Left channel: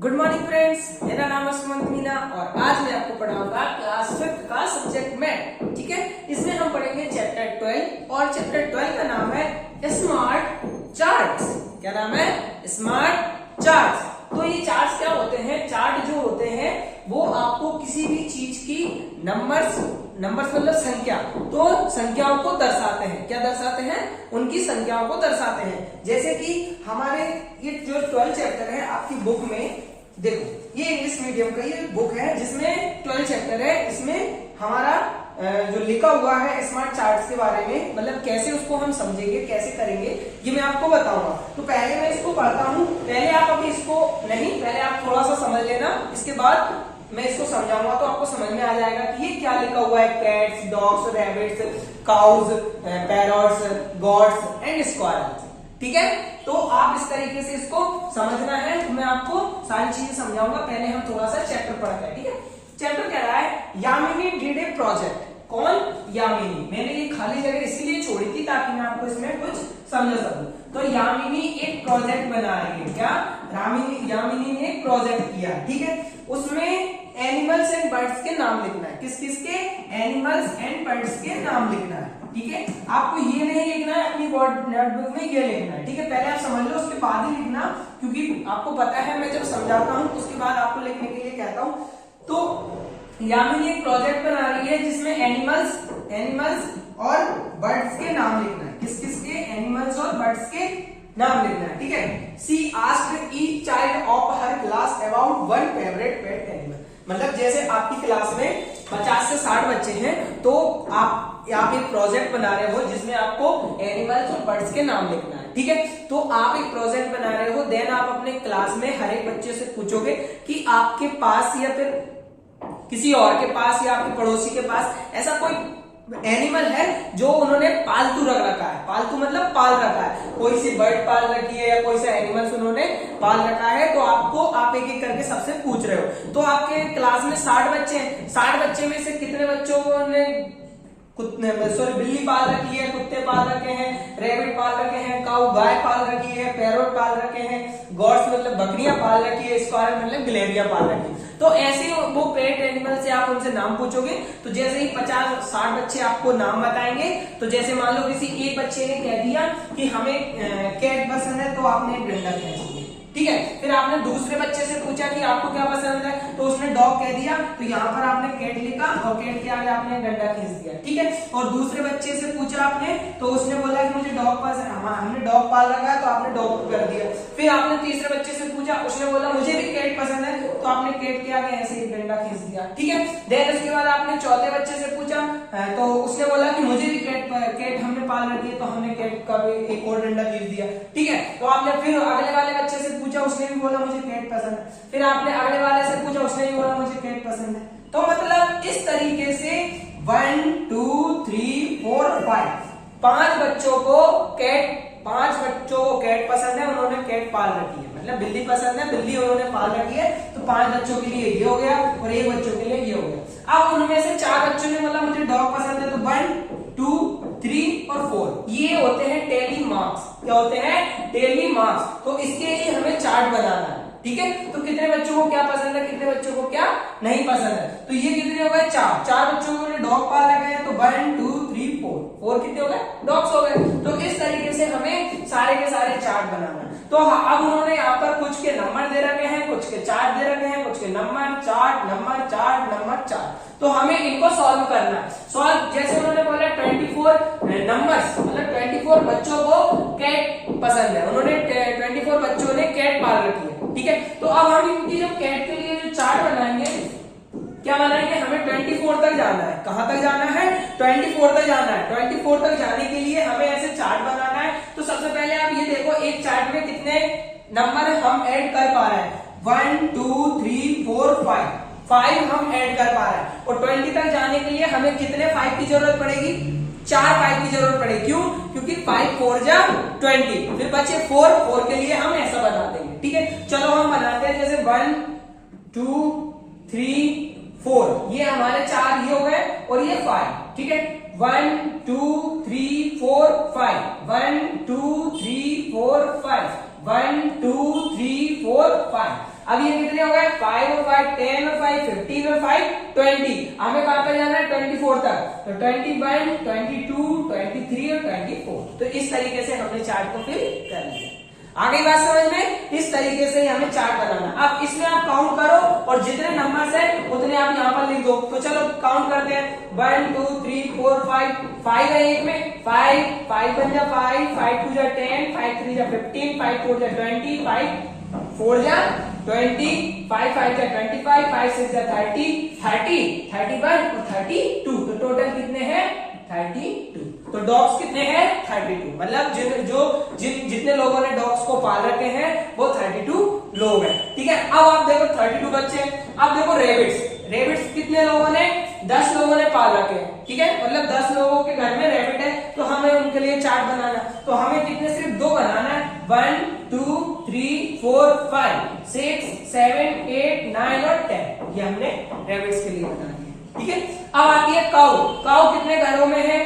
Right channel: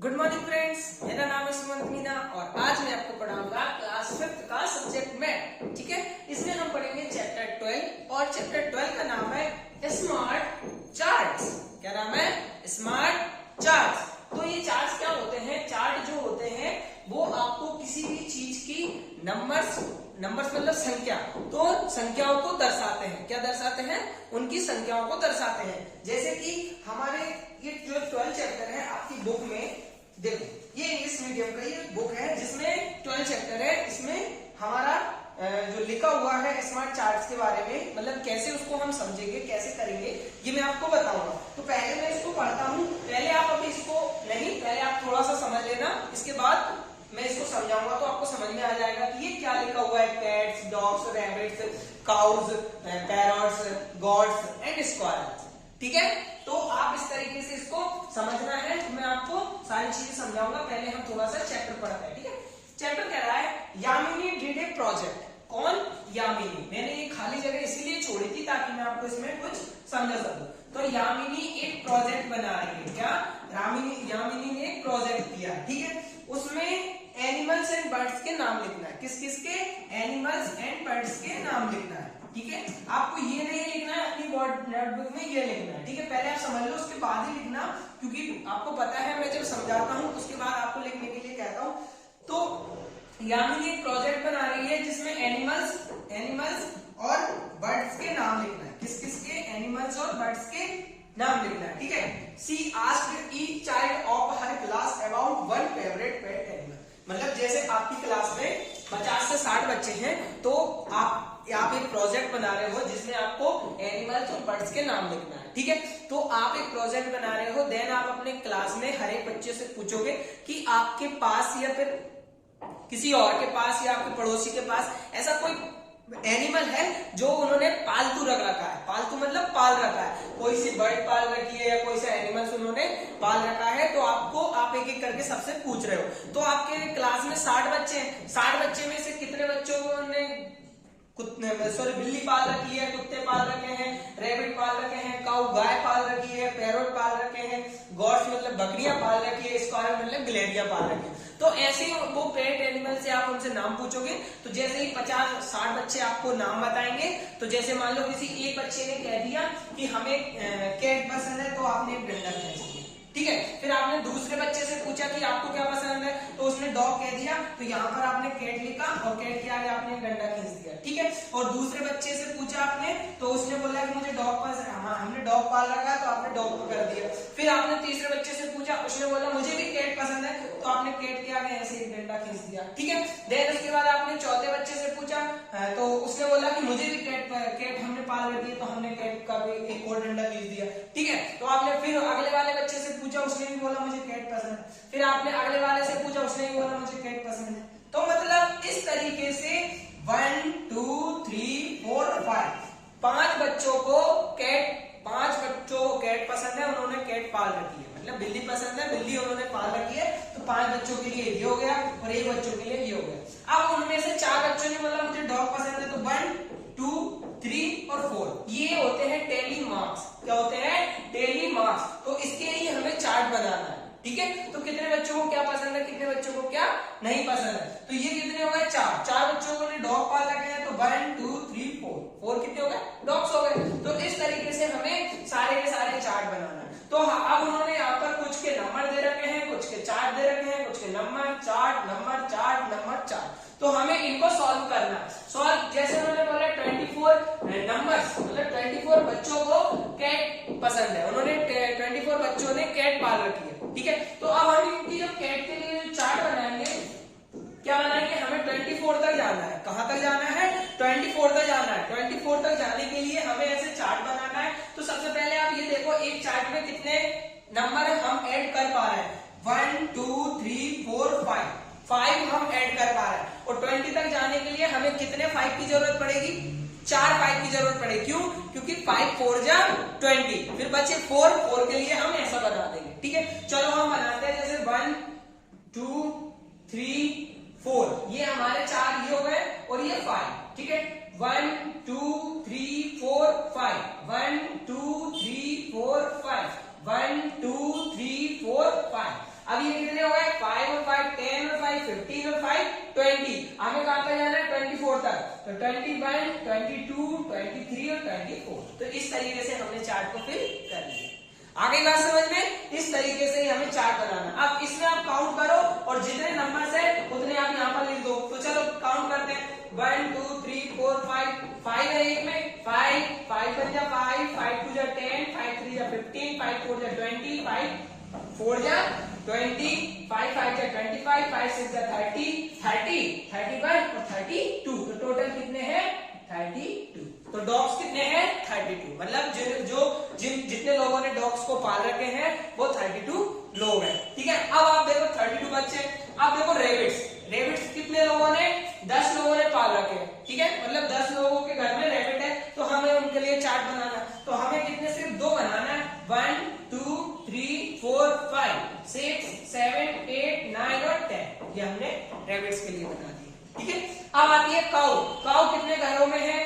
Good morning friends, मेरा नाम है सुमंत मीना और आज मैं आपको पढ़ाऊंगा क्लास 5 का सब्जेक्ट मैथ। ठीक है, इसमें हम पढ़ेंगे चैप्टर 12 और चैप्टर 12 का नाम है स्मार्ट चार्ट्स। क्या नाम है? Smart charts. तो ये चार्ट्स क्या होते हैं? चार्ट जो होते हैं वो आपको किसी भी चीज की नंबर्स मतलब संख्या, तो संख्याओं को दर्शाते हैं। क्या दर्शाते हैं? उनकी संख्याओं को दर्शाते हैं। जैसे कि हमारे ये जो 12 चैप्टर है आपकी बुक में, देखो ये इंग्लिश मीडियम का ये बुक है जिसमें 12 चैप्टर है। इसमें हमारा जो लिखा हुआ है स्मार्ट चार्ट्स के बारे में, मतलब कैसे उसको हम समझेंगे, कैसे करेंगे, ये मैं आपको बताऊंगा। तो पहले मैं इसको पढ़ता हूँ। पहले आप अभी इसको नहीं, पहले आप थोड़ा सा समझ लेना, इसके बाद मैं इसको समझाऊंगा तो आपको समझ में आ जाएगा कि ये क्या लिखा हुआ है। Cats, dogs, rabbits, cows, parrots, gods and squares. ठीक है, तो आप इस तरीके से इसको समझना है। तो मैं आपको सारी चीजें समझाऊंगा। पहले हम थोड़ा सा चैप्टर पढ़ते हैं। ठीक है, चैप्टर कह रहा है यामिनी डिड ए प्रोजेक्ट। कौन? यामिनी। मैंने ये खाली जगह इसीलिए छोड़ी थी ताकि मैं आपको इसमें कुछ समझ सकूं। तो यामिनी एक प्रोजेक्ट बना रही है। क्या? यामिनी ने एक प्रोजेक्ट किया। ठीक है, उसमें एनिमल्स एंड बर्ड्स के नाम लिखना है। किस किस के? एनिमल्स एंड बर्ड्स के नाम लिखना है। ठीक है, आपको ये नहीं लिखना है अपनी नोटबुक में, ये लिखना है। ठीक है, पहले आप समझ लो, उसके बाद ही लिखना, क्योंकि आपको पता है मैं जब समझाता हूँ उसके बाद आपको लिखने के लिए कहता हूँ। तो यामिनी एक प्रोजेक्ट बना रही है जिसमें एनिमल्स और बर्ड्स के नाम लिखना है। किस किस के? एनिमल्स और बर्ड्स के नाम लिखना है। ठीक है, she asked each child of her class about one favourite pet animal. मतलब जैसे आपकी क्लास में 50 से 60 बच्चे हैं, तो आप एक प्रोजेक्ट बना रहे हो जिसमें आपको एनिमल्स और बर्ड्स के नाम लिखना है। ठीक है, तो आप एक प्रोजेक्ट बना रहे हो, देन आप अपने क्लास में हर एक बच्चे से पूछोगे कि आपके पास या फिर किसी और के पास या आपके पड़ोसी के पास ऐसा कोई एनिमल है जो उन्होंने पालतू रख रखा है। पालतू मतलब पाल रखा है, कोई सी बर्ड पाल रखी है या कोई सा एनिमल्स उन्होंने पाल रखा है। तो आप एक एक करके सबसे पूछ रहे हो। तो आपके क्लास में 60 बच्चे हैं। 60 बच्चे में से कितने बच्चों को बिल्ली पाल रखी है, कुत्ते पाल रखे हैं, रैबिट पाल रखे हैं, काऊ गाय पाल रखी है, पैरोट पाल रखे हैं, गॉड्स मतलब बकरियां पाल रखी है, स्क्वायर मतलब गिलहरियां पाल रखी है। तो ऐसे वो पेट एनिमल से आप उनसे नाम पूछोगे। तो जैसे ही 50-60 बच्चे आपको नाम बताएंगे, तो जैसे मान लो किसी एक बच्चे ने कह दिया कि हमें कैट पसंद है, तो आपने एक डंडा खींच दिया। ठीक है, फिर आपने दूसरे बच्चे से पूछा कि आपको क्या पसंद है, तो उसने डॉग कह दिया। तो यहाँ पर आपने कैट लिखा और कैट के आगे आपने डंडा खींच दिया। ठीक है, और दूसरे बच्चे से पूछा आपने, तो उसने बोला कि मुझे डॉग पसंद, हमने डॉग पाल रखा है, तो आपने डॉग कर दिया। फिर आपने तीसरे बच्चे से पूछा, उसने बोला मुझे भी कैट पसंद है, तो आपने कैट के आगे ऐसे एक डंडा खींच दिया। ठीक है, देन उसके बाद आपने चौथे बच्चे से पूछा, तो उसने बोला कि मुझे भी कैट हमने पाल रखी है, तो हमने कैट का भी एक और डंडा खींच दिया। ठीक है, तो आपने फिर अगले वाले बच्चे से पूछा, उसने भी बोला मुझे कैट पसंद है। फिर आपने अगले वाले से पूछा, उसने भी बोला मुझे कैट पसंद है। तो मतलब इस तरीके से 1 2 3 4 5 5 बच्चों को कैट पसंद है, उन्होंने कैट पाल रखी है। मतलब बिल्ली पसंद है, बिल्ली उन्होंने पाल रखी है। तो 5 बच्चों के लिए ये हो गया और 1 बच्चों के लिए ये हो गया। अब उनमें से 4 बच्चों ने बोला मुझे डॉग पसंद है, तो 1 2 3 और 4 ये होते हैं टेली मार्क्स। क्या होते हैं? Tally marks. तो इसके लिए हमें चार्ट बनाना है। ठीक है, तो कितने बच्चों को क्या पसंद है, कितने बच्चों को क्या नहीं पसंद है। तो ये कितने हो गए? 4 बच्चों को डॉग पाल रखे हैं, तो 1 2 3 4 कितने हो गए? डॉग्स हो गए। तो इस तरीके से हमें सारे के सारे चार्ट बनाना है। तो अब उन्होंने यहाँ पर कुछ के नंबर दे रखे हैं, कुछ के चार्ट दे रखे हैं, कुछ के नंबर चार्ट। तो हमें इनको सॉल्व करना है। सॉल्व जैसे उन्होंने बोला 24 नंबर्स, मतलब 24 बच्चों को कैट पसंद है, उन्होंने 24 बच्चों ने कैट पाल रखी है। ठीक है, तो अब हम इनकी जब कैट के लिए जो चार्ट बनाएंगे, क्या बनाएंगे? हमें 24 तक जाना है। कहां तक जाना है? 24 तक जाना है। 24 तक जाने के लिए हमें ऐसे चार्ट बनाना है। तो सबसे पहले आप ये देखो, एक चार्ट में कितने नंबर हम ऐड कर पा रहे हैं? 1 2 3 4 5 हम ऐड कर पा रहे हैं। और 20 तक जाने के लिए हमें कितने 5 की जरूरत पड़ेगी? 4 5 की जरूरत पड़ेगी। क्यों? क्योंकि 5 4 जा 20, फिर बचे 4 के लिए हम ऐसा बना देंगे। ठीक है, चलो हम बनाते हैं। जैसे 1 2 3 4 ये हमारे 4 ये हो गए और ये 5। ठीक है, 1 2 3 4 5 1 2 3 4 5 1 2 3 4 5। अब ये कितने हो गए 5 और 5 10 और 5 15 और 5 20। हमें कहां तक जाना है 24 तक। तो 21 22 23 और 24। तो इस तरीके से हमने चार्ट को फिल कर लिया। आगे बात समझ में, इस तरीके से हमें चार्ट बनाना। अब इसमें आप काउंट करो और जितने नंबर्स है उतने आप यहाँ पर लिख दो। तो चलो काउंट करते हैं 1 2 3 4 5 5 है एक में 5 5 बन जा 5 5 2 जा 10 5 3 जा 15 5 4 जा 20 5 4 जा 20 5 5 जा 25 5 6 जा 30 30 31 और 32। तो टोटल कितने हैं 32। तो डॉग्स कितने हैं 32। मतलब जितने लोगों ने डॉग्स को पाल रखे हैं वो 32 लोग हैं। ठीक है, अब आप देखो 32 बच्चे। अब देखो रेबिट्स कितने लोगों ने 10 लोगों ने पाल रखे हैं। ठीक है, मतलब 10 लोगों के घर में रेबिट है तो हमें उनके लिए चार्ट बनाना। तो हमें कितने सिर्फ 2 बनाना है 1 2 3 4 5 6 7 8 9 और 10। ये हमने रेबिट्स के लिए बनाना है। ठीक है, अब आती है काऊ कितने घरों में है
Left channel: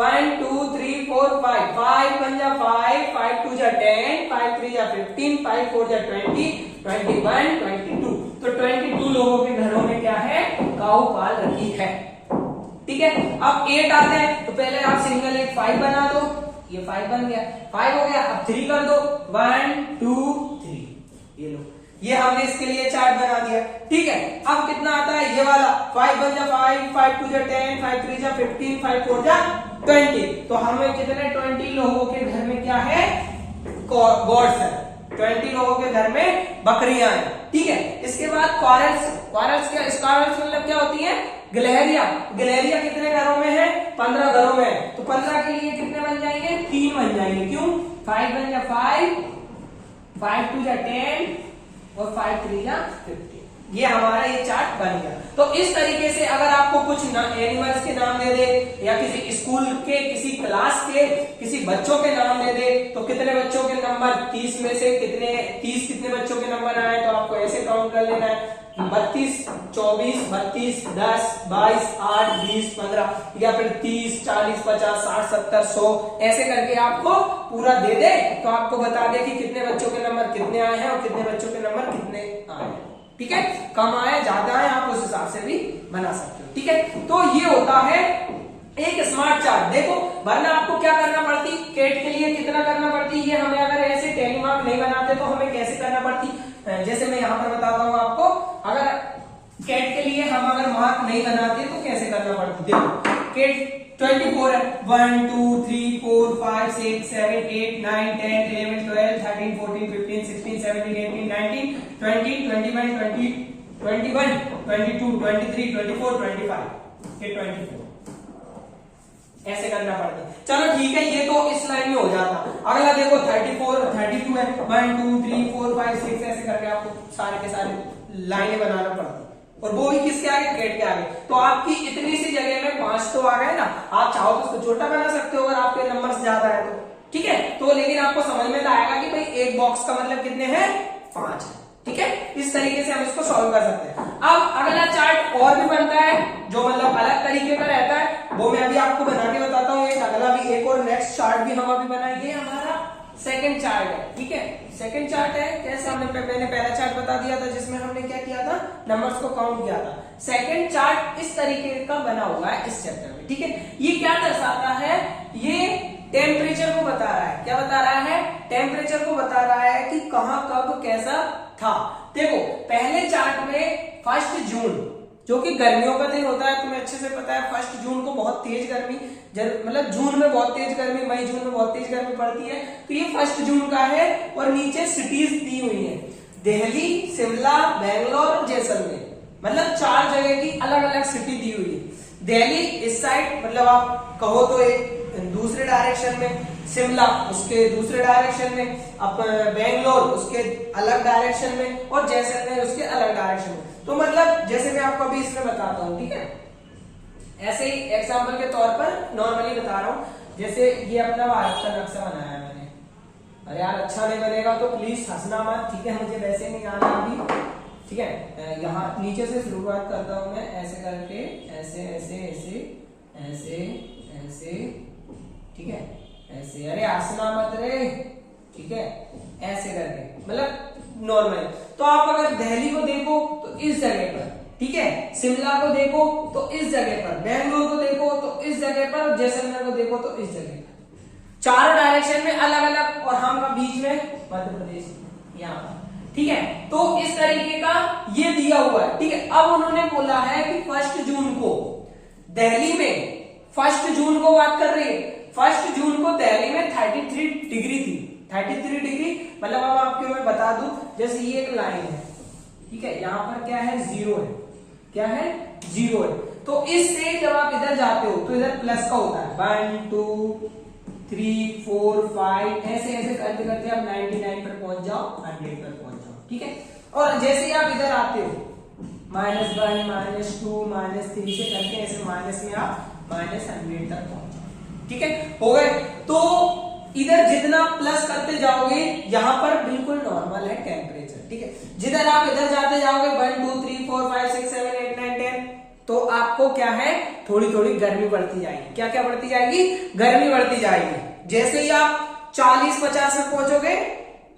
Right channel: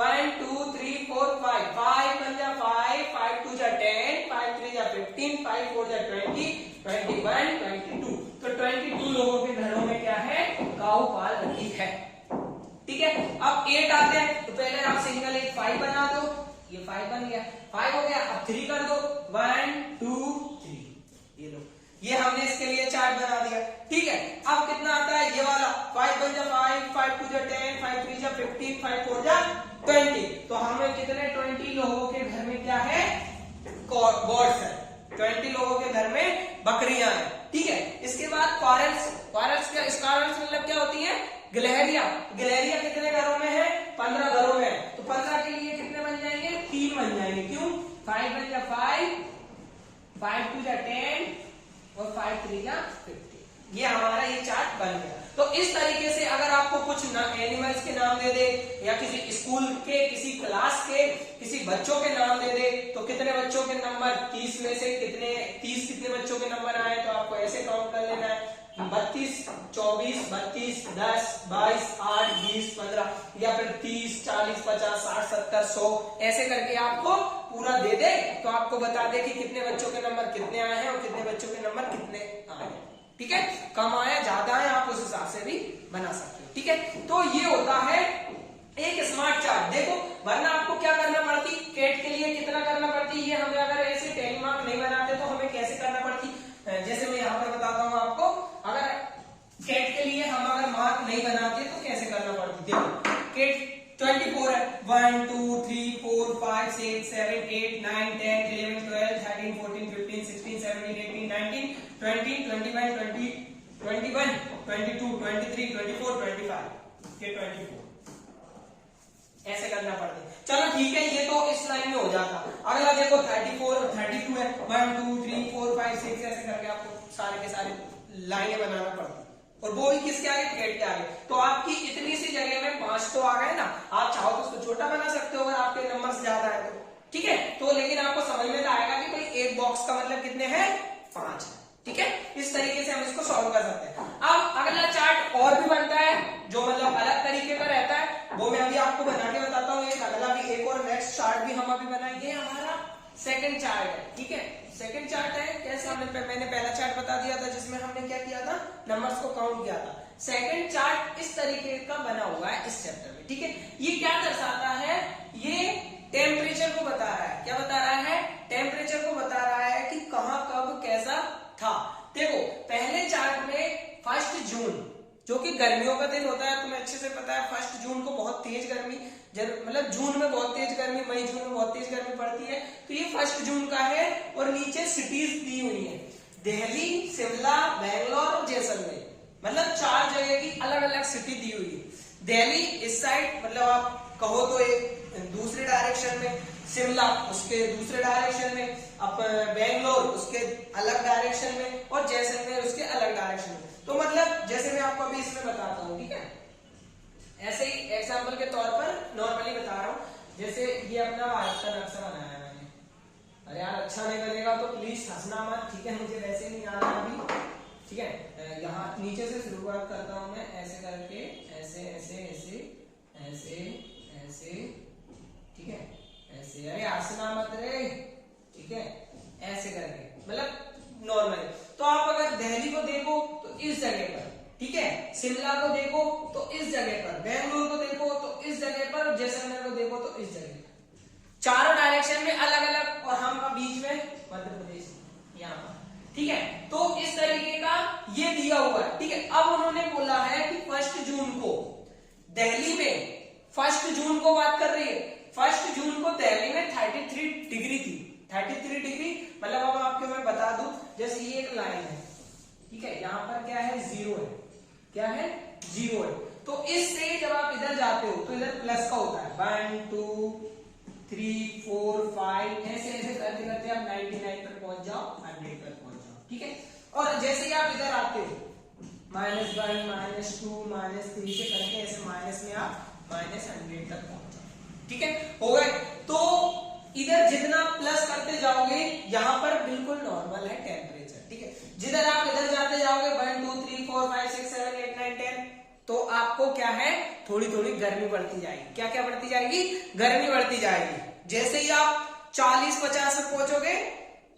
1 2 3 4 5 5 1 जा 5 5 2 जा 10 5 3 जा 15 5 4 जा 20 21 22। तो 22 लोगों के घरों में क्या है काऊ पाल रखी है। ठीक है, अब 8 आते हैं तो पहले आप सिंगल 8 5 बना दो। ये 5 बन गया 5 हो गया। अब 3 कर दो 1 2 3। ये लो, ये हमने इसके लिए चार्ट बना दिया। ठीक है, अब कितना आता है ये वाला 5 1 जा 5 5 2 जा 10 5 3 जा 15 5 4 जा 20। तो हमें कितने 20 लोगों के घर में क्या है गॉड्स है। 20 लोगों के घर में बकरियां हैं। ठीक है, इसके बाद क्वारल्स क्या स्क्वायर्स मतलब क्या होती है गिलहरियां कितने घरों में है 15 घरों में है। तो 15 के लिए कितने बन जाएंगे 3 बन जाएंगे। क्यों 5 1 जा 5 5 2 जा 10 और 5 3 जा 15। ये हमारा ये चार्ट बन गया। तो इस तरीके से अगर आपको कुछ एनिमल्स के नाम दे दे या किसी स्कूल के किसी क्लास के किसी बच्चों के नाम दे दे तो कितने बच्चों के नंबर 30 में से कितने बच्चों के नंबर आए तो आपको ऐसे काउंट कर लेना है 32 24 32 10 22 8 20 15 या फिर 30 40 50 60 70 100 ऐसे करके आपको पूरा दे दे तो आपको बता दे कि कितने बच्चों के नंबर कितने आए हैं और कितने बच्चों के नंबर कितने आए हैं। ठीक है, कम आए ज्यादा है आप उस हिसाब से भी बना सकते हो। ठीक है, तो ये होता है एक स्मार्ट चार्ट। देखो वरना आपको क्या करना पड़ती कैट के लिए कितना करना पड़ती ये हमें अगर ऐसे टेली मार्क नहीं बनाते तो हमें कैसे करना पड़ती। जैसे मैं यहाँ पर बताता हूँ आपको, अगर कैट के लिए हम अगर मार्क नहीं बनाते तो कैसे करना पड़ती। देखो कैट 24 है 1 2 3 4 5 6 7 8 9 10 11 12 13 14 15 16 17 18 19 20 21 20 21 22 23 24 25 ये 24 ऐसे करना पड़ता है। चलो ठीक है, ये तो इस लाइन में हो जाता। अगला देखो 34 और 32 है 1 2 3 4 5 6 ऐसे करके आपको सारे के सारे लाइनें बनाना पड़ता और वो भी किसके आगे कैट के आगे। तो आपकी इतनी सी जगह में 5 तो आ गए ना। आप चाहो तो उसको छोटा बना सकते हो अगर आपके नंबर ज्यादा है तो। ठीक है, तो लेकिन आपको समझ में आएगा कि भाई एक बॉक्स का मतलब कितने हैं 5। ठीक है, इस तरीके से हम इसको सॉल्व कर सकते हैं। अब अगला चार्ट और भी बनता है जो मतलब अलग तरीके का रहता है वो मैं अभी आपको बना के बताता हूँ। एक अगला भी एक और नेक्स्ट चार्ट भी हम अभी बनाएंगे। हमारा सेकंड चार्ट है। ठीक है, सेकंड चार्ट है कैसे मैंने पहला चार्ट बता दिया था जिसमें हमने क्या किया था नंबर्स को काउंट किया था। सेकंड चार्ट इस तरीके का बना हुआ है इस चैप्टर में। ठीक है, ये क्या दर्शाता है ये टेम्परेचर को बता रहा है। क्या बता रहा है टेम्परेचर को बता रहा है कि कहां कब कैसा था। देखो पहले चार्ट में 1 जून जो कि गर्मियों का दिन होता है तुम्हें अच्छे से पता है। 1 जून को बहुत तेज गर्मी मतलब जून में बहुत तेज गर्मी मई जून में बहुत तेज गर्मी पड़ती है। तो ये 1 जून का है और नीचे सिटीज दी हुई है दिल्ली शिमला बेंगलोर और जैसलमेर। मतलब 4 जगह की अलग अलग सिटी दी हुई है। दिल्ली इस साइड मतलब आप कहो तो एक दूसरे डायरेक्शन में, शिमला उसके दूसरे डायरेक्शन में, अब बेंगलोर उसके अलग डायरेक्शन में और जैसलमेर उसके अलग डायरेक्शन में। तो मतलब जैसे मैं आपको अभी इसमें बताता हूँ। ठीक है, ऐसे ही एग्जांपल के तौर पर नॉर्मली बता रहा हूँ। जैसे ये अपना भारत का नक्शा बनाया है मैंने। अरे यार अच्छा नहीं बनेगा तो प्लीज हंसना मत। ठीक है, मुझे वैसे नहीं आना अभी। ठीक है, यहाँ नीचे से शुरुआत करता हूँ मैं ऐसे करके ऐसे ऐसे ऐसे ऐसे ऐसे। ठीक है, ऐसे अरे हंसना मत रे। ठीक है, ऐसे करके मतलब नॉर्मल। तो आप अगर दिल्ली को देखो तो इस जगह पर, ठीक है, शिमला को देखो तो इस जगह पर, बेंगलुरु को देखो तो इस जगह पर, जैसलमेर को देखो तो इस जगह पर, चारों डायरेक्शन में अलग अलग, और हम का बीच में मध्य प्रदेश यहाँ पर, ठीक है। तो इस तरीके का ये दिया हुआ है, ठीक है। अब उन्होंने बोला है कि 1 जून को दिल्ली में, 1 जून को बात कर रही है, 1 जून को दिल्ली में 33 डिग्री थी, 33 डिग्री, मतलब अब आपको मैं बता दूं, जैसे ये एक लाइन है, ठीक है, यहाँ पर क्या है, 0 है, क्या है, 0 है। तो इससे जब आप इधर जाते हो तो इधर प्लस का होता है, 1 2 3 4 5, ऐसे ऐसे करते करते आप 99 पर पहुंच जाओ, 100 पर पहुंच जाओ, ठीक है। और जैसे ही आप इधर आते हो, -1 -2 -3 से करके ऐसे माइनस में आप -100 तक पहुंच जाओ, ठीक है, हो गए। तो इधर जितना प्लस करते जाओगे, यहां पर बिल्कुल नॉर्मल है टेम्परेचर, ठीक है। जिधर आप इधर जाते जाओगे 1 2 3 4 5 6 7 8 9 10, तो आपको क्या है, थोड़ी थोड़ी गर्मी बढ़ती जाएगी। क्या क्या बढ़ती जाएगी, गर्मी बढ़ती जाएगी। जैसे ही आप 40-50 पे पहुंचोगे,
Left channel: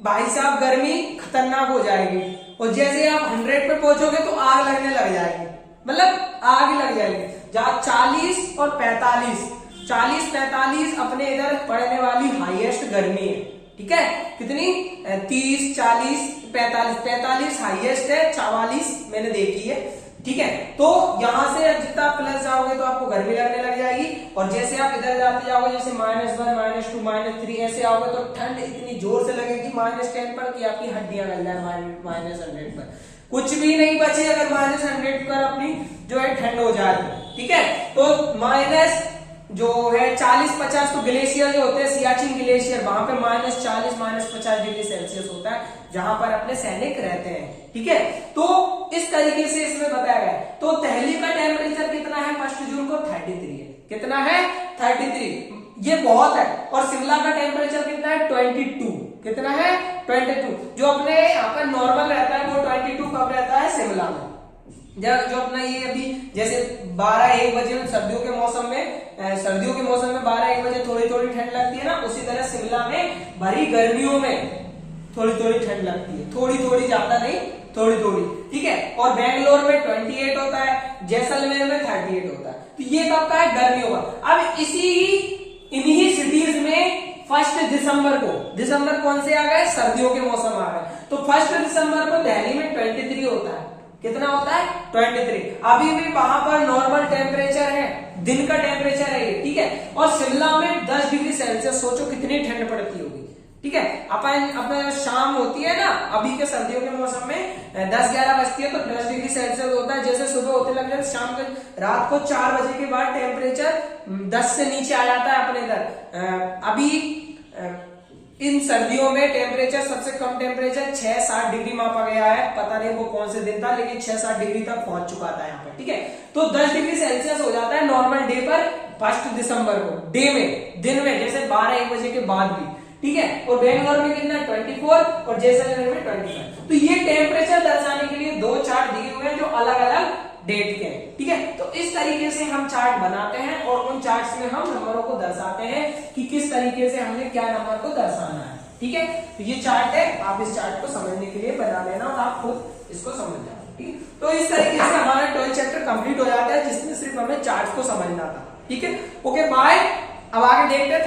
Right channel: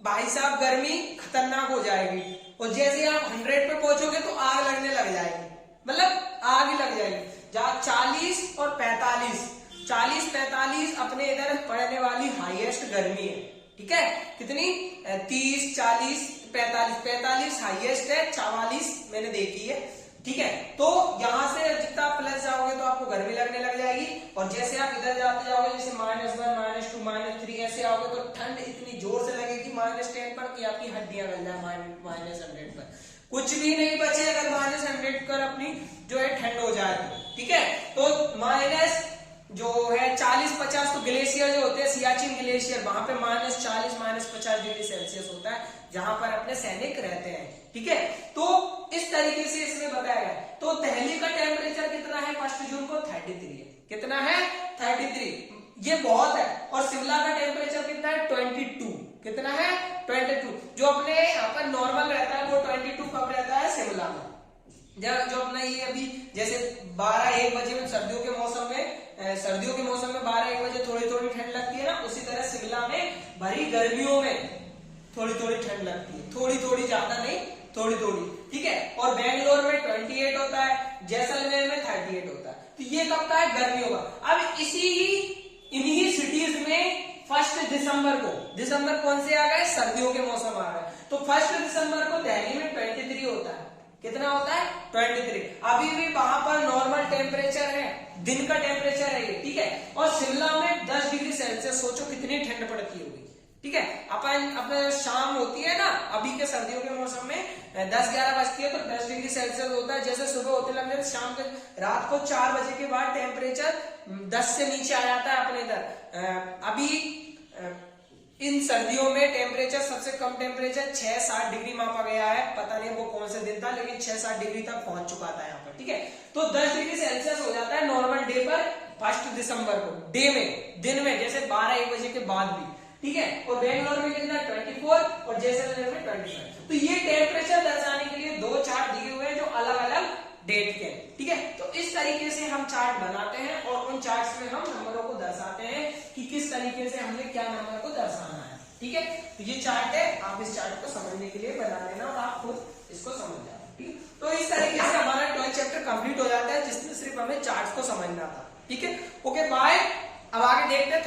भाई साहब गर्मी खतरनाक हो जाएगी, और जैसे आप 100 पे पहुंचोगे तो आग लगने लग जाएगी, मतलब आग लग जाएगी। जहां 40 और 45, 40-45 अपने इधर पड़ने वाली हाईएस्ट गर्मी है, ठीक है। कितनी, 30 40 45 हाईएस्ट है, 44 मैंने देखी है, ठीक है। तो यहां से जितना प्लस जाओगे तो आपको गर्मी लगने लग जाएगी, और जैसे आप इधर जाते जाओगे, जैसे -1 -2 -3 ऐसे आओगे तो ठंड इतनी जोर से लगेगी -10 पर कि आपकी हड्डियां गल जाए, -100 पर कुछ भी नहीं बचे अगर -100 पर अपनी जो है ठंड हो जाए, ठीक है। तो माइनस जो है 40-50, तो ग्लेशियर जो होते हैं, सियाचिन ग्लेशियर, वहां पर -40 -50 डिग्री सेल्सियस होता है, जहां पर अपने सैनिक रहते हैं, ठीक है। तो इस तरीके से इसमें बताया गया है। तो दिल्ली का टेम्परेचर कितना है 1 जून को, 33 है। कितना है, 33, ये बहुत है। और शिमला का टेम्परेचर कितना है, 22। कितना है, 22। जो अपने यहाँ पर नॉर्मल रहता है वो 22 कब रहता है, शिमला में। जो अपना ये अभी जैसे 12-1 बजे में सर्दियों के मौसम में 12-1 बजे थोड़ी थोड़ी ठंड लगती है ना, उसी तरह शिमला में भरी गर्मियों में थोड़ी थोड़ी ठंड लगती है, थोड़ी थोड़ी, ज्यादा नहीं, थोड़ी थोड़ी, ठीक है। और बेंगलोर में 28 होता है, जैसलमेर में 38 होता है। तो ये कब का है, गर्मियों का। अब इन्हीं सिटीज में 1 दिसंबर कौन से आ गए, सर्दियों के मौसम आ गए। तो 1 दिसंबर को दिल्ली में 23 होता है। कितना होता है, 23। अभी भी वहां पर नॉर्मल टेम्परेचर है, दिन का टेम्परेचर है, ठीक है। और शिमला में 10 डिग्री सेल्सियस, सोचो कितनी ठंड पड़ती होगी, ठीक है। अपना शाम होती है ना, अभी के सर्दियों के मौसम में 10-11 बजती है तो 10 डिग्री सेल्सियस होता है। जैसे सुबह होते लग जाए, शाम के रात को 4 बजे के बाद टेम्परेचर 10 से नीचे आ जाता है अपने इधर। अभी इन सर्दियों में टेम्परेचर, सबसे कम टेम्परेचर 6-7 डिग्री मापा गया है, पता नहीं वो कौन से दिन था, लेकिन 6-7 डिग्री तक पहुंच चुका था यहाँ पर, ठीक है। तो 10 डिग्री सेल्सियस हो जाता है नॉर्मल डे पर 1 दिसंबर को, डे में, दिन में, जैसे 12-1 बजे के बाद भी, ठीक है। और बेंगलोर में कितना, 24, और जैसलमेर में 25। तो ये टेम्परेचर दर्शाने के लिए 2 चार्ट दिए हुए हैं जो अलग अलग डेट के, ठीक है। तो इस तरीके से हम चार्ट बनाते हैं, और उन चार्ट्स में हम नंबरों को दर्शाते हैं कि किस तरीके से हमने क्या नंबर को दर्शाना है, ठीक है। तो ये चार्ट है, आप इस चार्ट को समझने के लिए बना लेना और आप खुद इसको समझ जाओ, ठीक है। तो इस तरीके से हमारा 12th चैप्टर कंप्लीट हो जाता है, जिसमें सिर्फ हमें चार्ट को समझना था, ठीक है। Okay bye. अब आगे देखते हैं